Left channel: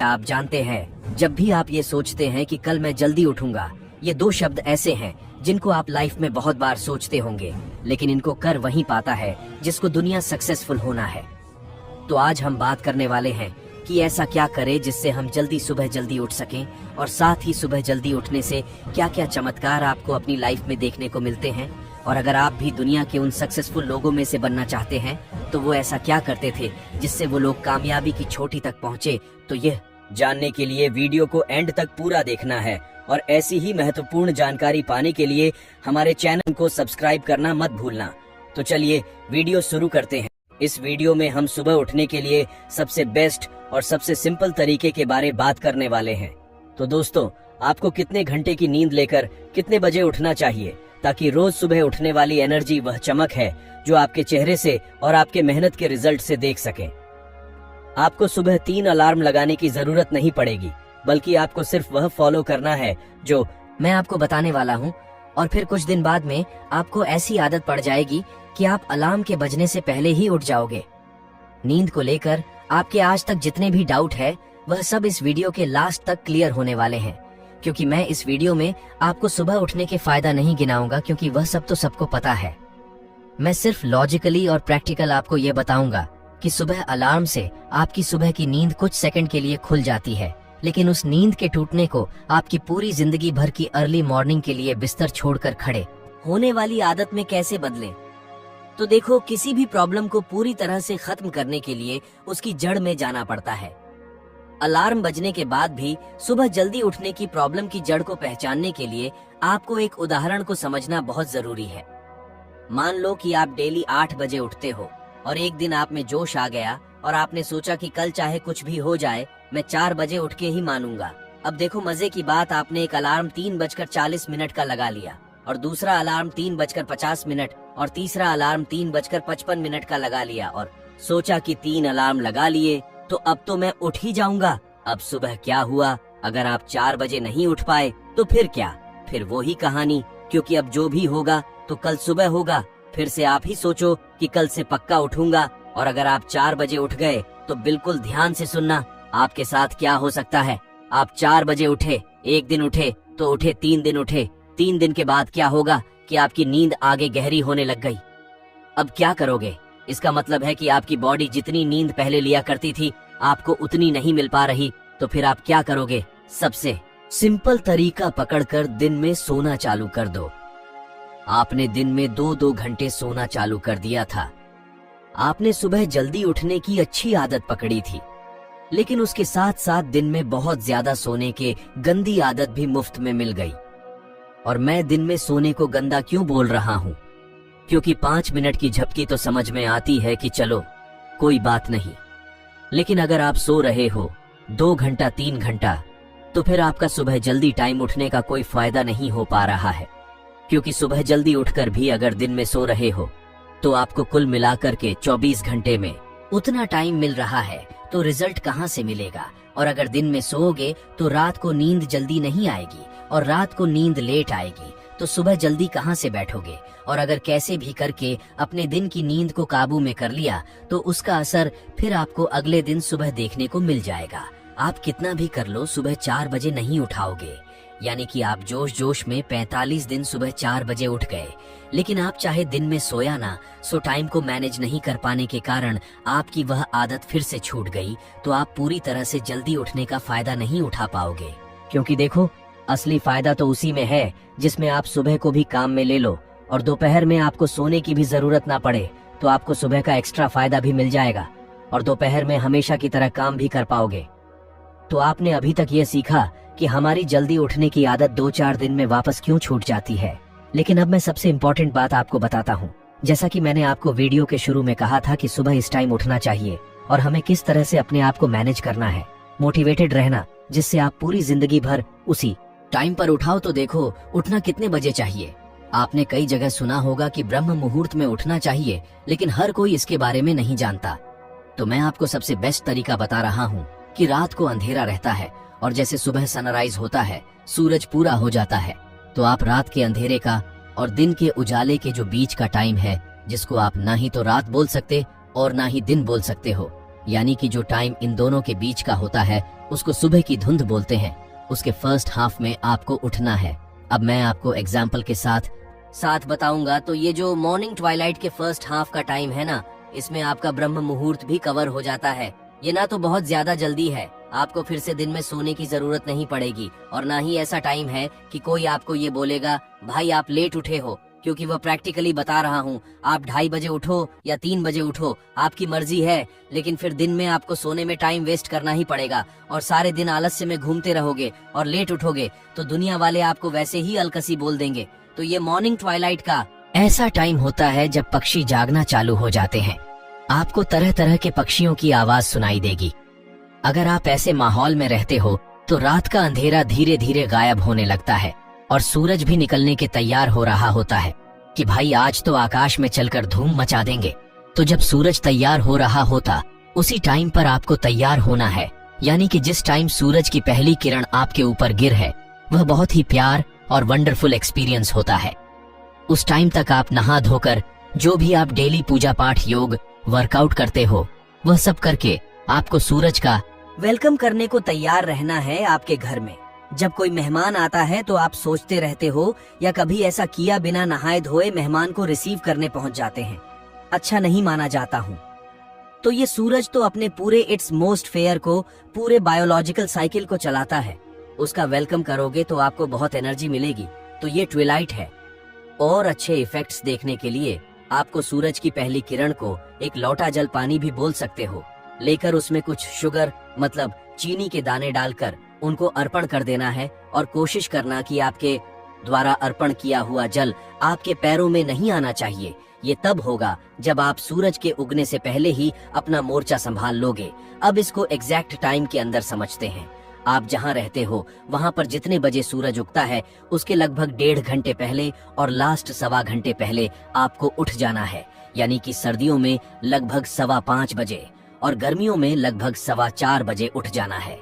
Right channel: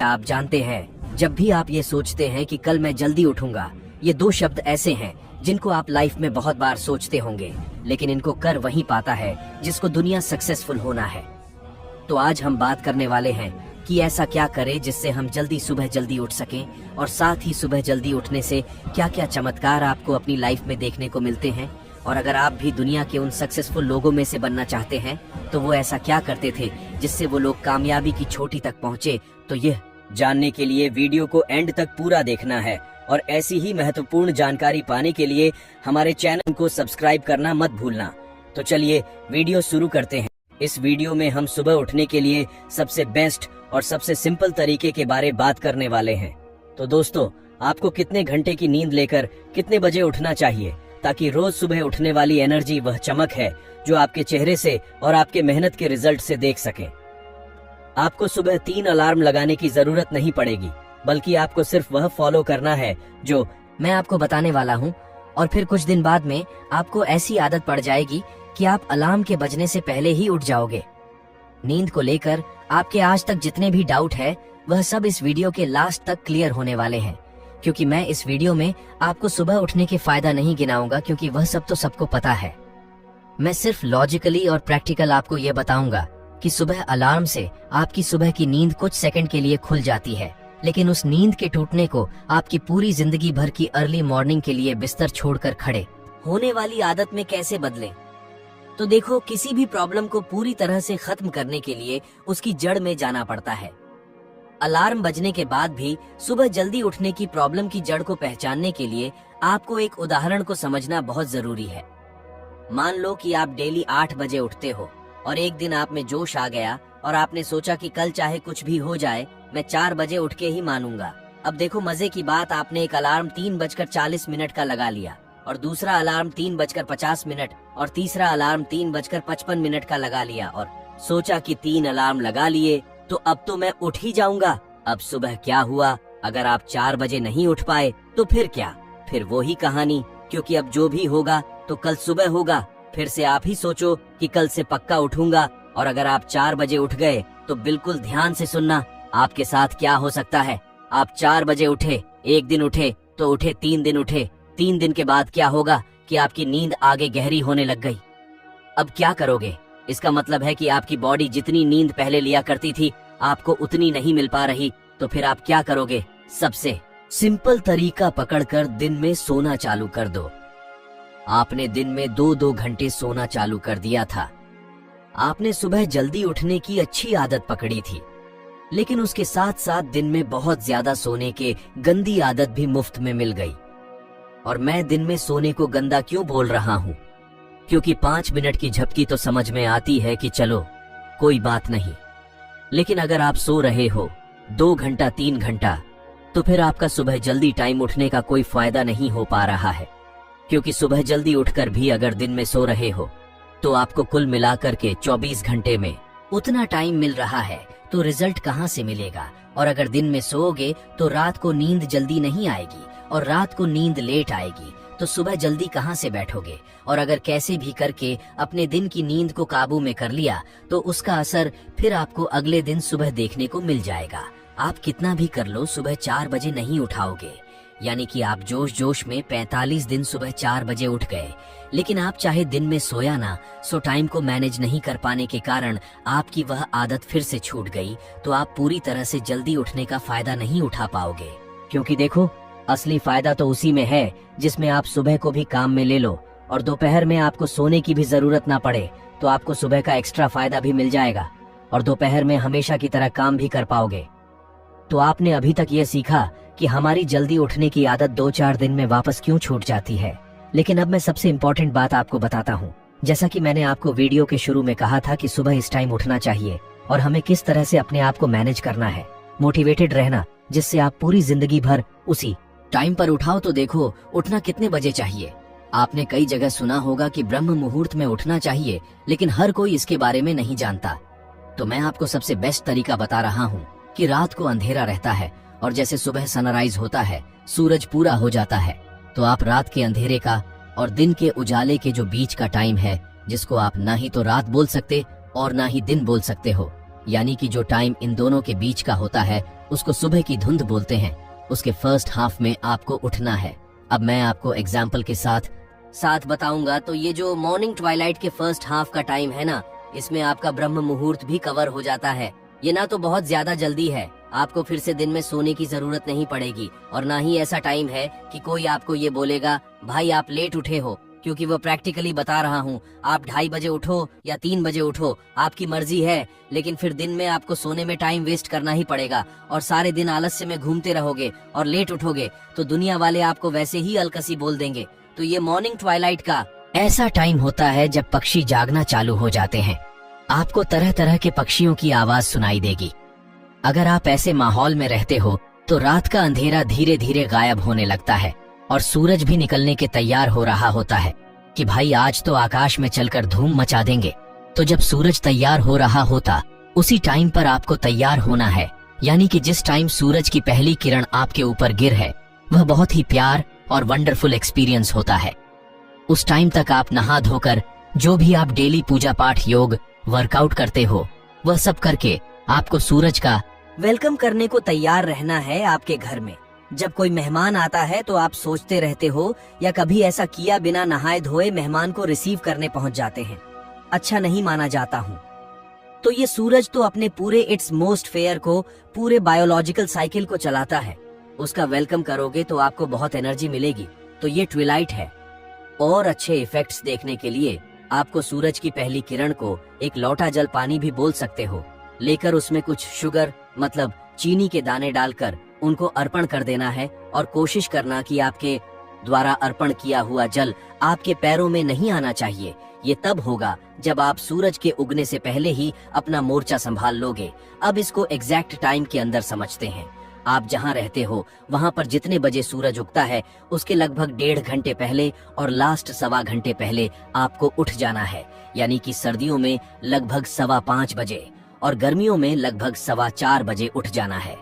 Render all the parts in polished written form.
आप जानते हैं, जब भी आप ये सोचते हैं कि कल मैं जल्दी उठूंगा, ये दो शब्द ऐसे हैं जिनको आप लाइफ में बहुत बार सोचते होंगे, लेकिन इनको कर वही पाता है जिसको दुनिया सक्सेसफुल होना है। तो आज हम बात करने वाले हैं कि ऐसा क्या करें जिससे हम सुबह जल्दी उठ सकें, और साथ ही सुबह जल्दी उठने से क्या क्या चमत्कार आपको अपनी लाइफ में देखने को मिलते हैं। और अगर आप भी दुनिया के उन सक्सेसफुल लोगों में से बनना चाहते हैं तो वो ऐसा क्या करते थे जिससे वो लोग कामयाबी की चोटी तक पहुंचे, तो ये जानने के लिए वीडियो को एंड तक पूरा देखना है। और ऐसी ही महत्वपूर्ण जानकारी पाने के लिए हमारे चैनल को सब्सक्राइब करना मत भूलना। तो चलिए वीडियो शुरू करते हैं। इस वीडियो में हम सुबह उठने के लिए सबसे बेस्ट और सबसे सिंपल तरीके के बारे बात करने वाले हैं। तो दोस्तों, आपको कितने घंटे की नींद लेकर कितने बजे उठना चाहिए ताकि रोज सुबह उठने वाली एनर्जी, वह चमक है जो आपके चेहरे से और आपके मेहनत के रिजल्ट से देख सकें। आपको सुबह 3 अलार्म लगाने की जरूरत नहीं पड़ेगी, बल्कि आपको सिर्फ वह फॉलो करना है जो मैं आपको बताने वाला हूँ। और फिर कुछ दिन बाद में आपको ऐसी आदत पड़ जाएगी कि आप अलार्म के बजने से पहले ही उठ जाओगे। नींद को लेकर आपके आज तक जितने भी डाउट है, वह सब इस वीडियो के लास्ट तक क्लियर होने वाले हैं। क्योंकि मैं इस वीडियो में आपको सुबह उठने के फायदा नहीं गिनाऊंगा, क्योंकि वह सब तो सबको पता है। मैं सिर्फ लॉजिकली और प्रैक्टिकल आपको ये बताऊंगा कि सुबह अलार्म से आपकी सुबह की नींद कुछ सेकंड के लिए खुल जाती है, लेकिन उस नींद के टूटने को आपकी पूरी जिंदगी भर की अर्ली मॉर्निंग के लिए बिस्तर छोड़कर खड़े होने वाली आदत में कैसे बदलें। तो देखो, किसी भी प्रॉब्लम को पूरी तरह से खत्म करने के लिए उसकी जड़ में जाना पड़ता है। अलार्म बजने के बाद भी सुबह जल्दी उठने की प्रॉब्लम की जड़ को पहचानने के लिए आपको एक उदाहरण को समझना बहुत जरूरी है। मान लो कि आप डेली 8 बजे उठते हो और एक दिन आप में जोश आ गया और आपने सोचा कि कल चाहे कुछ भी हो जाए, मैं 4 बजे उठ के ही मानूंगा। अब देखो, मजे की बात, आपने एक अलार्म 3:40 का लगा लिया, और दूसरा अलार्म 3:50 और तीसरा अलार्म 3:55 का लगा लिया, और सोचा कि 3 अलार्म लगा लिए तो अब तो मैं उठ ही जाऊंगा। अब सुबह क्या हुआ? अगर आप 4 बजे नहीं उठ पाए तो फिर क्या? फिर वो ही कहानी, क्योंकि अब जो भी होगा तो कल सुबह होगा। फिर से आप ही सोचो कि कल से पक्का उठूंगा, और अगर आप 4 बजे उठ गए तो बिल्कुल ध्यान से सुनना आपके साथ क्या हो सकता है। आप 4 बजे उठे, एक दिन उठे तो उठे, 3 दिन उठे, 3 दिन के बाद क्या होगा कि आपकी नींद आगे गहरी होने लग गई। अब क्या करोगे? इसका मतलब है कि आपकी बॉडी जितनी नींद पहले लिया करती थी, आपको उतनी नहीं मिल पा रही। तो फिर आप क्या करोगे? सबसे सिंपल तरीका पकड़कर दिन में सोना चालू कर दो। आपने दिन में 2-2 घंटे सोना चालू कर दिया था। आपने सुबह जल्दी उठने की अच्छी आदत पकड़ी थी, लेकिन उसके साथ साथ दिन में बहुत ज्यादा सोने के गंदी आदत भी मुफ्त में मिल गई। और मैं दिन में सोने को गंदा क्यों बोल रहा हूँ? क्योंकि 5 मिनट की झपकी तो समझ में आती है कि चलो कोई बात नहीं, लेकिन अगर आप सो रहे हो 2 घंटा 3 घंटा, तो फिर आपका सुबह जल्दी टाइम उठने का कोई फायदा नहीं हो पा रहा है। क्योंकि सुबह जल्दी उठकर भी अगर दिन में सो रहे हो तो आपको कुल मिलाकर के 24 घंटे में उतना टाइम मिल रहा है, तो रिजल्ट कहाँ से मिलेगा? और अगर दिन में सोओगे तो रात को नींद जल्दी नहीं आएगी, और रात को नींद लेट आएगी, तो सुबह जल्दी कहाँ से बैठोगे? और अगर कैसे भी करके अपने दिन की नींद को काबू में कर लिया तो उसका असर फिर आपको अगले दिन सुबह देखने को मिल जाएगा। आप कितना भी कर लो, सुबह 4 बजे नहीं उठाओगे, यानी कि आप जोश जोश में 45 दिन सुबह 4 बजे उठ गए, लेकिन आप चाहे दिन में सोया ना, सो टाइम को मैनेज नहीं कर पाने के कारण आपकी वह आदत फिर से छूट गई, तो आप पूरी तरह से जल्दी उठने का फायदा नहीं उठा पाओगे। क्योंकि देखो, असली फायदा तो उसी में है जिसमें आप सुबह को भी काम में ले लो और दोपहर में आपको सोने की भी जरूरत ना पड़े, तो आपको सुबह का एक्स्ट्रा फायदा भी मिल जाएगा और दोपहर में हमेशा की तरह काम भी कर पाओगे। तो आपने अभी तक ये सीखा कि हमारी जल्दी उठने की आदत 2-4 दिन में वापस क्यों छूट जाती है। लेकिन अब मैं सबसे इम्पोर्टेंट बात आपको बताता हूँ। जैसा कि मैंने आपको वीडियो के शुरू में कहा था कि सुबह इस टाइम उठना चाहिए और हमें किस तरह से अपने आप को मैनेज करना है, मोटिवेटेड रहना, जिससे आप पूरी जिंदगी भर उसी टाइम पर उठाओ। तो देखो, उठना कितने बजे चाहिए? आपने कई जगह सुना होगा कि ब्रह्म मुहूर्त में उठना चाहिए, लेकिन हर कोई इसके बारे में नहीं जानता। तो मैं आपको सबसे बेस्ट तरीका बता रहा हूँ कि रात को अंधेरा रहता है और जैसे सुबह सनराइज होता है, सूरज पूरा हो जाता है, तो आप रात के अंधेरे का और दिन के उजाले के जो बीच का टाइम है, जिसको आप ना ही तो रात बोल सकते और ना ही दिन बोल सकते हो, यानी कि जो टाइम इन दोनों के बीच का होता है उसको सुबह की धुंध बोलते हैं। उसके फर्स्ट हाफ में आपको उठना है। अब मैं आपको एग्जाम्पल के साथ बताऊंगा। तो ये जो मॉर्निंग ट्वाइलाइट के फर्स्ट हाफ का टाइम है ना, इसमें आपका ब्रह्म मुहूर्त भी कवर हो जाता है। ये ना तो बहुत ज्यादा जल्दी है, आपको फिर से दिन में सोने की जरूरत नहीं पड़ेगी, और ना ही ऐसा टाइम है कि कोई आपको ये बोलेगा भाई आप लेट उठे हो, क्योंकि वो प्रैक्टिकली बता रहा हूँ, आप 2:30 बजे उठो या 3 बजे उठो, आपकी मर्जी है, लेकिन फिर दिन में आपको सोने में टाइम वेस्ट करना ही पड़ेगा और सारे दिन आलस्य में घूमते रहोगे और लेट उठोगे तो दुनिया वाले आपको वैसे ही अलकसी बोल देंगे। तो ये मॉर्निंग ट्वाइलाइट का ऐसा टाइम होता है जब पक्षी जागना चालू हो जाते हैं। आपको तरह तरह के पक्षियों की आवाज सुनाई देगी। अगर आप ऐसे माहौल में रहते हो तो रात का अंधेरा धीरे धीरे गायब होने लगता है और सूरज भी निकलने के तैयार हो रहा होता है कि भाई आज तो आकाश में चलकर धूम मचा देंगे। तो जब सूरज तैयार हो रहा होता, उसी टाइम पर आपको तैयार होना है, यानी कि जिस टाइम सूरज की पहली किरण आपके ऊपर गिर है, वह बहुत ही प्यार और वंडरफुल एक्सपीरियंस होता है। उस टाइम तक आप नहा धोकर जो भी आप डेली पूजा पाठ, योग, वर्कआउट करते हो, वह सब करके आपको सूरज का वेलकम करने को तैयार रहना है आपके घर में। जब कोई मेहमान आता है तो आप सोचते रहते हो या कभी ऐसा किया बिना नहाए धोए मेहमान को रिसीव करने पहुंच जाते हैं, अच्छा नहीं माना जाता हूँ। तो ये सूरज तो अपने पूरे इट्स मोस्ट फेयर को, पूरे बायोलॉजिकल साइकिल को चलाता है। उसका वेलकम करोगे तो आपको बहुत एनर्जी मिलेगी। तो ये ट्विलाइट है। और अच्छे इफेक्ट्स देखने के लिए आपको सूरज की पहली किरण को एक लोटा जल पानी भी बोल सकते हो, लेकर उसमें कुछ शुगर मतलब चीनी के दाने डालकर उनको अर्पण कर देना है और कोशिश करना कि आपके द्वारा अर्पण किया हुआ जल आपके पैरों में नहीं आना चाहिए। ये तब होगा जब आप सूरज के उगने से पहले ही अपना मोर्चा संभाल लोगे। अब इसको एग्जैक्ट टाइम के अंदर समझते हैं। आप जहाँ रहते हो वहाँ पर जितने बजे सूरज उगता है उसके लगभग 1.5 घंटे पहले और लास्ट 1.25 घंटे पहले आपको उठ जाना है, यानी कि सर्दियों में लगभग 5:15 बजे और गर्मियों में लगभग 4:15 बजे उठ जाना है।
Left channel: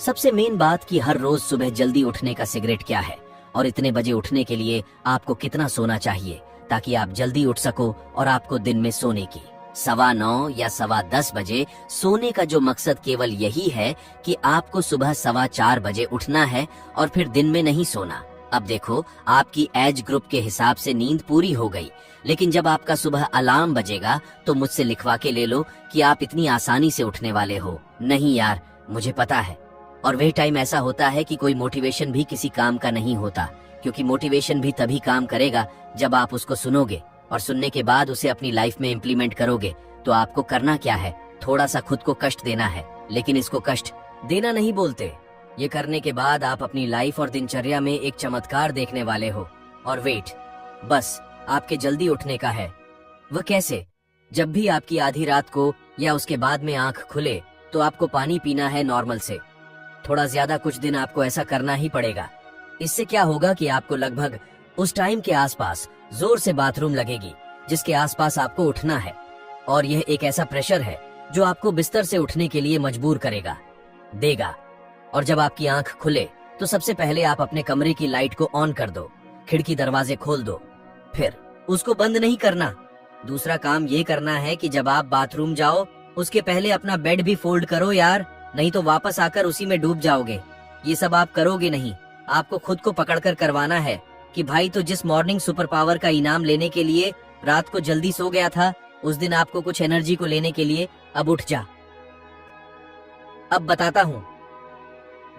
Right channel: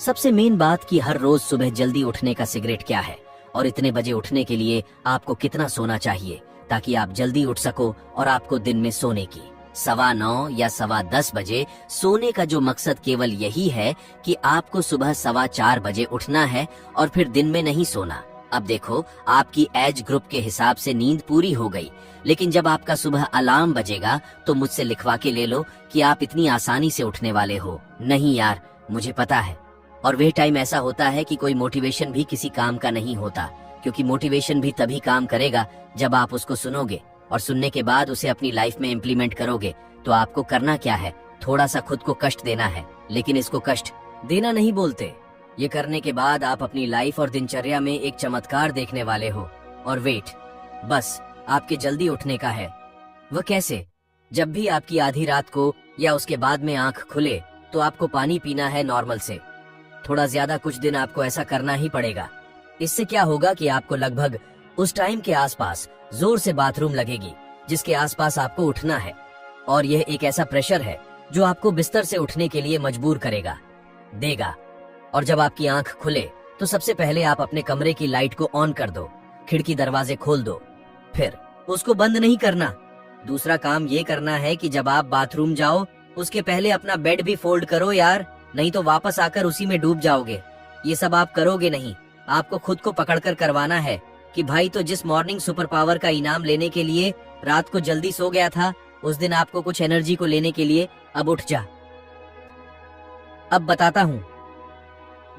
सबसे मेन बात कि हर रोज सुबह जल्दी उठने का सिगरेट क्या है और इतने बजे उठने के लिए आपको कितना सोना चाहिए ताकि आप जल्दी उठ सको और आपको दिन में सोने की 9:15 या 10:15 बजे सोने का जो मकसद केवल यही है कि आपको सुबह 4:15 बजे उठना है और फिर दिन में नहीं सोना। अब देखो, आपकी एज ग्रुप के हिसाब से नींद पूरी हो गई, लेकिन जब आपका सुबह अलार्म बजेगा तो मुझसे लिखवा के ले लो कि आप इतनी आसानी से उठने वाले हो। नहीं यार, मुझे पता है। और वह टाइम ऐसा होता है कि कोई मोटिवेशन भी किसी काम का नहीं होता, क्योंकि मोटिवेशन भी तभी काम करेगा जब आप उसको सुनोगे और सुनने के बाद उसे अपनी लाइफ में इम्प्लीमेंट करोगे। तो आपको करना क्या है, थोड़ा सा खुद को कष्ट देना है, लेकिन इसको कष्ट देना नहीं बोलते। ये करने के बाद आप अपनी लाइफ और दिनचर्या में एक चमत्कार देखने वाले हो। और वेट, बस आपके जल्दी उठने का है। वह कैसे? जब भी आपकी आधी रात को या उसके बाद में आंख खुले तो आपको पानी पीना है नॉर्मल से। थोड़ा ज्यादा कुछ दिन आपको ऐसा करना ही पड़ेगा। इससे क्या होगा कि आपको लगभग उस टाइम के आसपास जोर से बाथरूम लगेगी जिसके आसपास आपको उठना है, और यह एक ऐसा प्रेशर है जो आपको बिस्तर से उठने के लिए मजबूर देगा। और जब आपकी आंख खुले तो सबसे पहले आप अपने कमरे की लाइट को ऑन कर दो, खिड़की दरवाजे खोल दो, फिर उसको बंद नहीं करना। दूसरा काम ये करना है कि जब आप बाथरूम जाओ उसके पहले अपना बेड भी फोल्ड करो यार, नहीं तो वापस आकर उसी में डूब जाओगे। ये सब आप करोगे नहीं, आपको खुद को पकड़कर करवाना है कि भाई तो जिस मॉर्निंग सुपर पावर का इनाम लेने के लिए रात को जल्दी सो गया था, उस दिन आपको कुछ एनर्जी को लेने के लिए अब उठ जा। अब बताता हूँ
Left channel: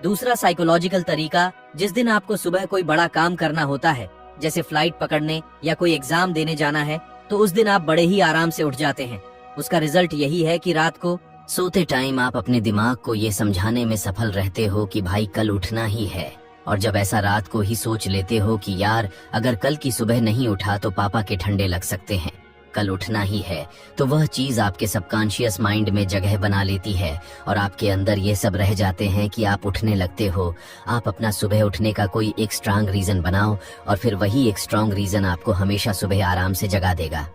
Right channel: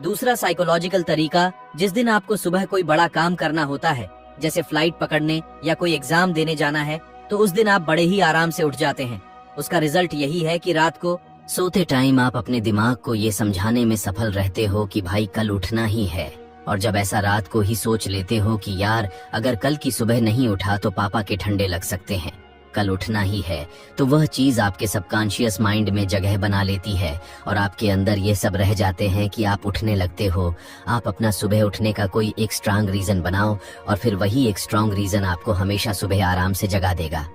दूसरा साइकोलॉजिकल तरीका। जिस दिन आपको सुबह कोई बड़ा काम करना होता है, जैसे फ्लाइट पकड़ने या कोई एग्जाम देने जाना है, तो उस दिन आप बड़े ही आराम से उठ जाते हैं। उसका रिजल्ट यही है कि रात को सोते टाइम आप अपने दिमाग को ये समझाने में सफल रहते हो कि भाई कल उठना ही है। और जब ऐसा रात को ही सोच लेते हो कि यार अगर कल की सुबह नहीं उठा तो पापा के ठंडे लग सकते हैं, कल उठना ही है, तो वह चीज आपके सबकॉन्शियस माइंड में जगह बना लेती है और आपके अंदर ये सब रह जाते हैं कि आप उठने लगते हो। आप अपना सुबह उठने का कोई एक स्ट्रांग रीजन बनाओ और फिर वही एक स्ट्रांग रीजन आपको हमेशा सुबह आराम से जगा देगा।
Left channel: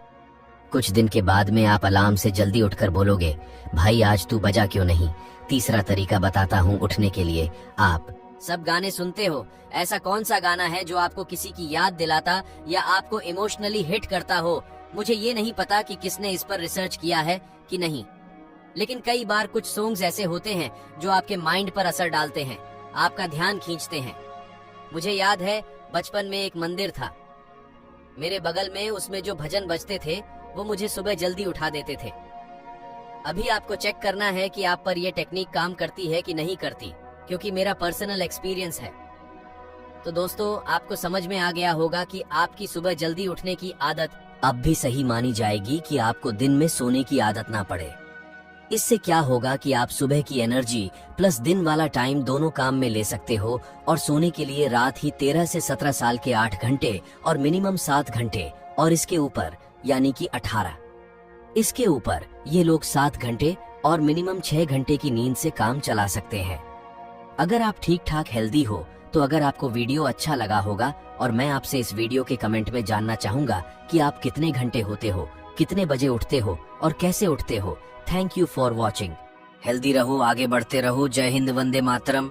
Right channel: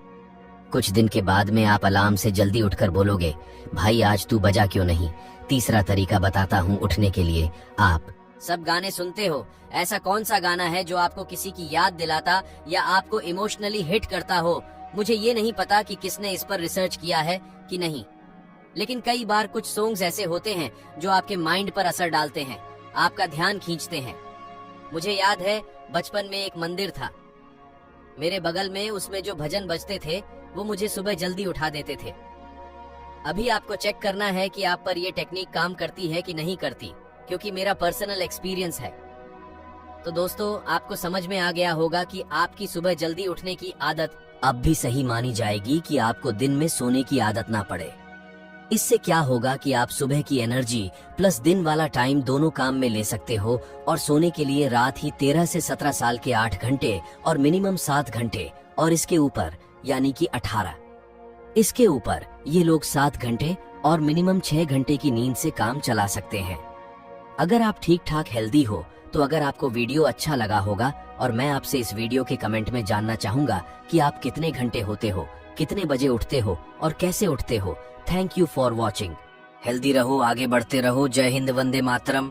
कुछ दिन के बाद में आप अलार्म से जल्दी उठकर बोलोगे, भाई आज तू बजा क्यों नहीं। तीसरा तरीका बताता हूँ उठने के लिए। आप सब गाने सुनते हो, ऐसा कौन सा गाना है जो आपको किसी की याद दिलाता या आपको इमोशनली हिट करता हो? मुझे ये नहीं पता कि किसने इस पर रिसर्च किया है कि नहीं, लेकिन कई बार कुछ सॉन्ग्स ऐसे होते हैं जो आपके माइंड पर असर डालते हैं, आपका ध्यान खींचते हैं। मुझे याद है बचपन में एक मंदिर था मेरे बगल में, उसमें जो भजन बजते थे वो मुझे सुबह जल्दी उठा देते थे। अभी आपको चेक करना है कि आप पर ये टेक्निक काम करती है कि नहीं करती, क्योंकि मेरा पर्सनल एक्सपीरियंस है। तो दोस्तों, आपको समझ में आ गया होगा कि आपकी सुबह जल्दी उठने की आदत अब भी सही मानी जाएगी कि आपको दिन में सोने की आदत ना पड़े। इससे क्या होगा कि आप सुबह की एनर्जी प्लस दिन वाला टाइम दोनों काम में ले सकते हो, और सोने के लिए रात ही 13 से 17 साल के 8 घंटे और मिनिमम 7 घंटे, और इसके ऊपर यानी कि 18। इसके ऊपर ये लोग 7 घंटे और मिनिमम 6 घंटे की नींद से काम चला सकते हैं। अगर आप ठीक ठाक हेल्दी हो तो अगर आपको वीडियो अच्छा लगा होगा, और मैं आपसे इस वीडियो के कमेंट में जानना चाहूंगा कि आप कितने घंटे होते हो, कितने बजे उठते हो और कैसे उठते हो। Thank you for watching. Healthy रहो, आगे बढ़ते रहो। जय हिंद, वंदे मातरम।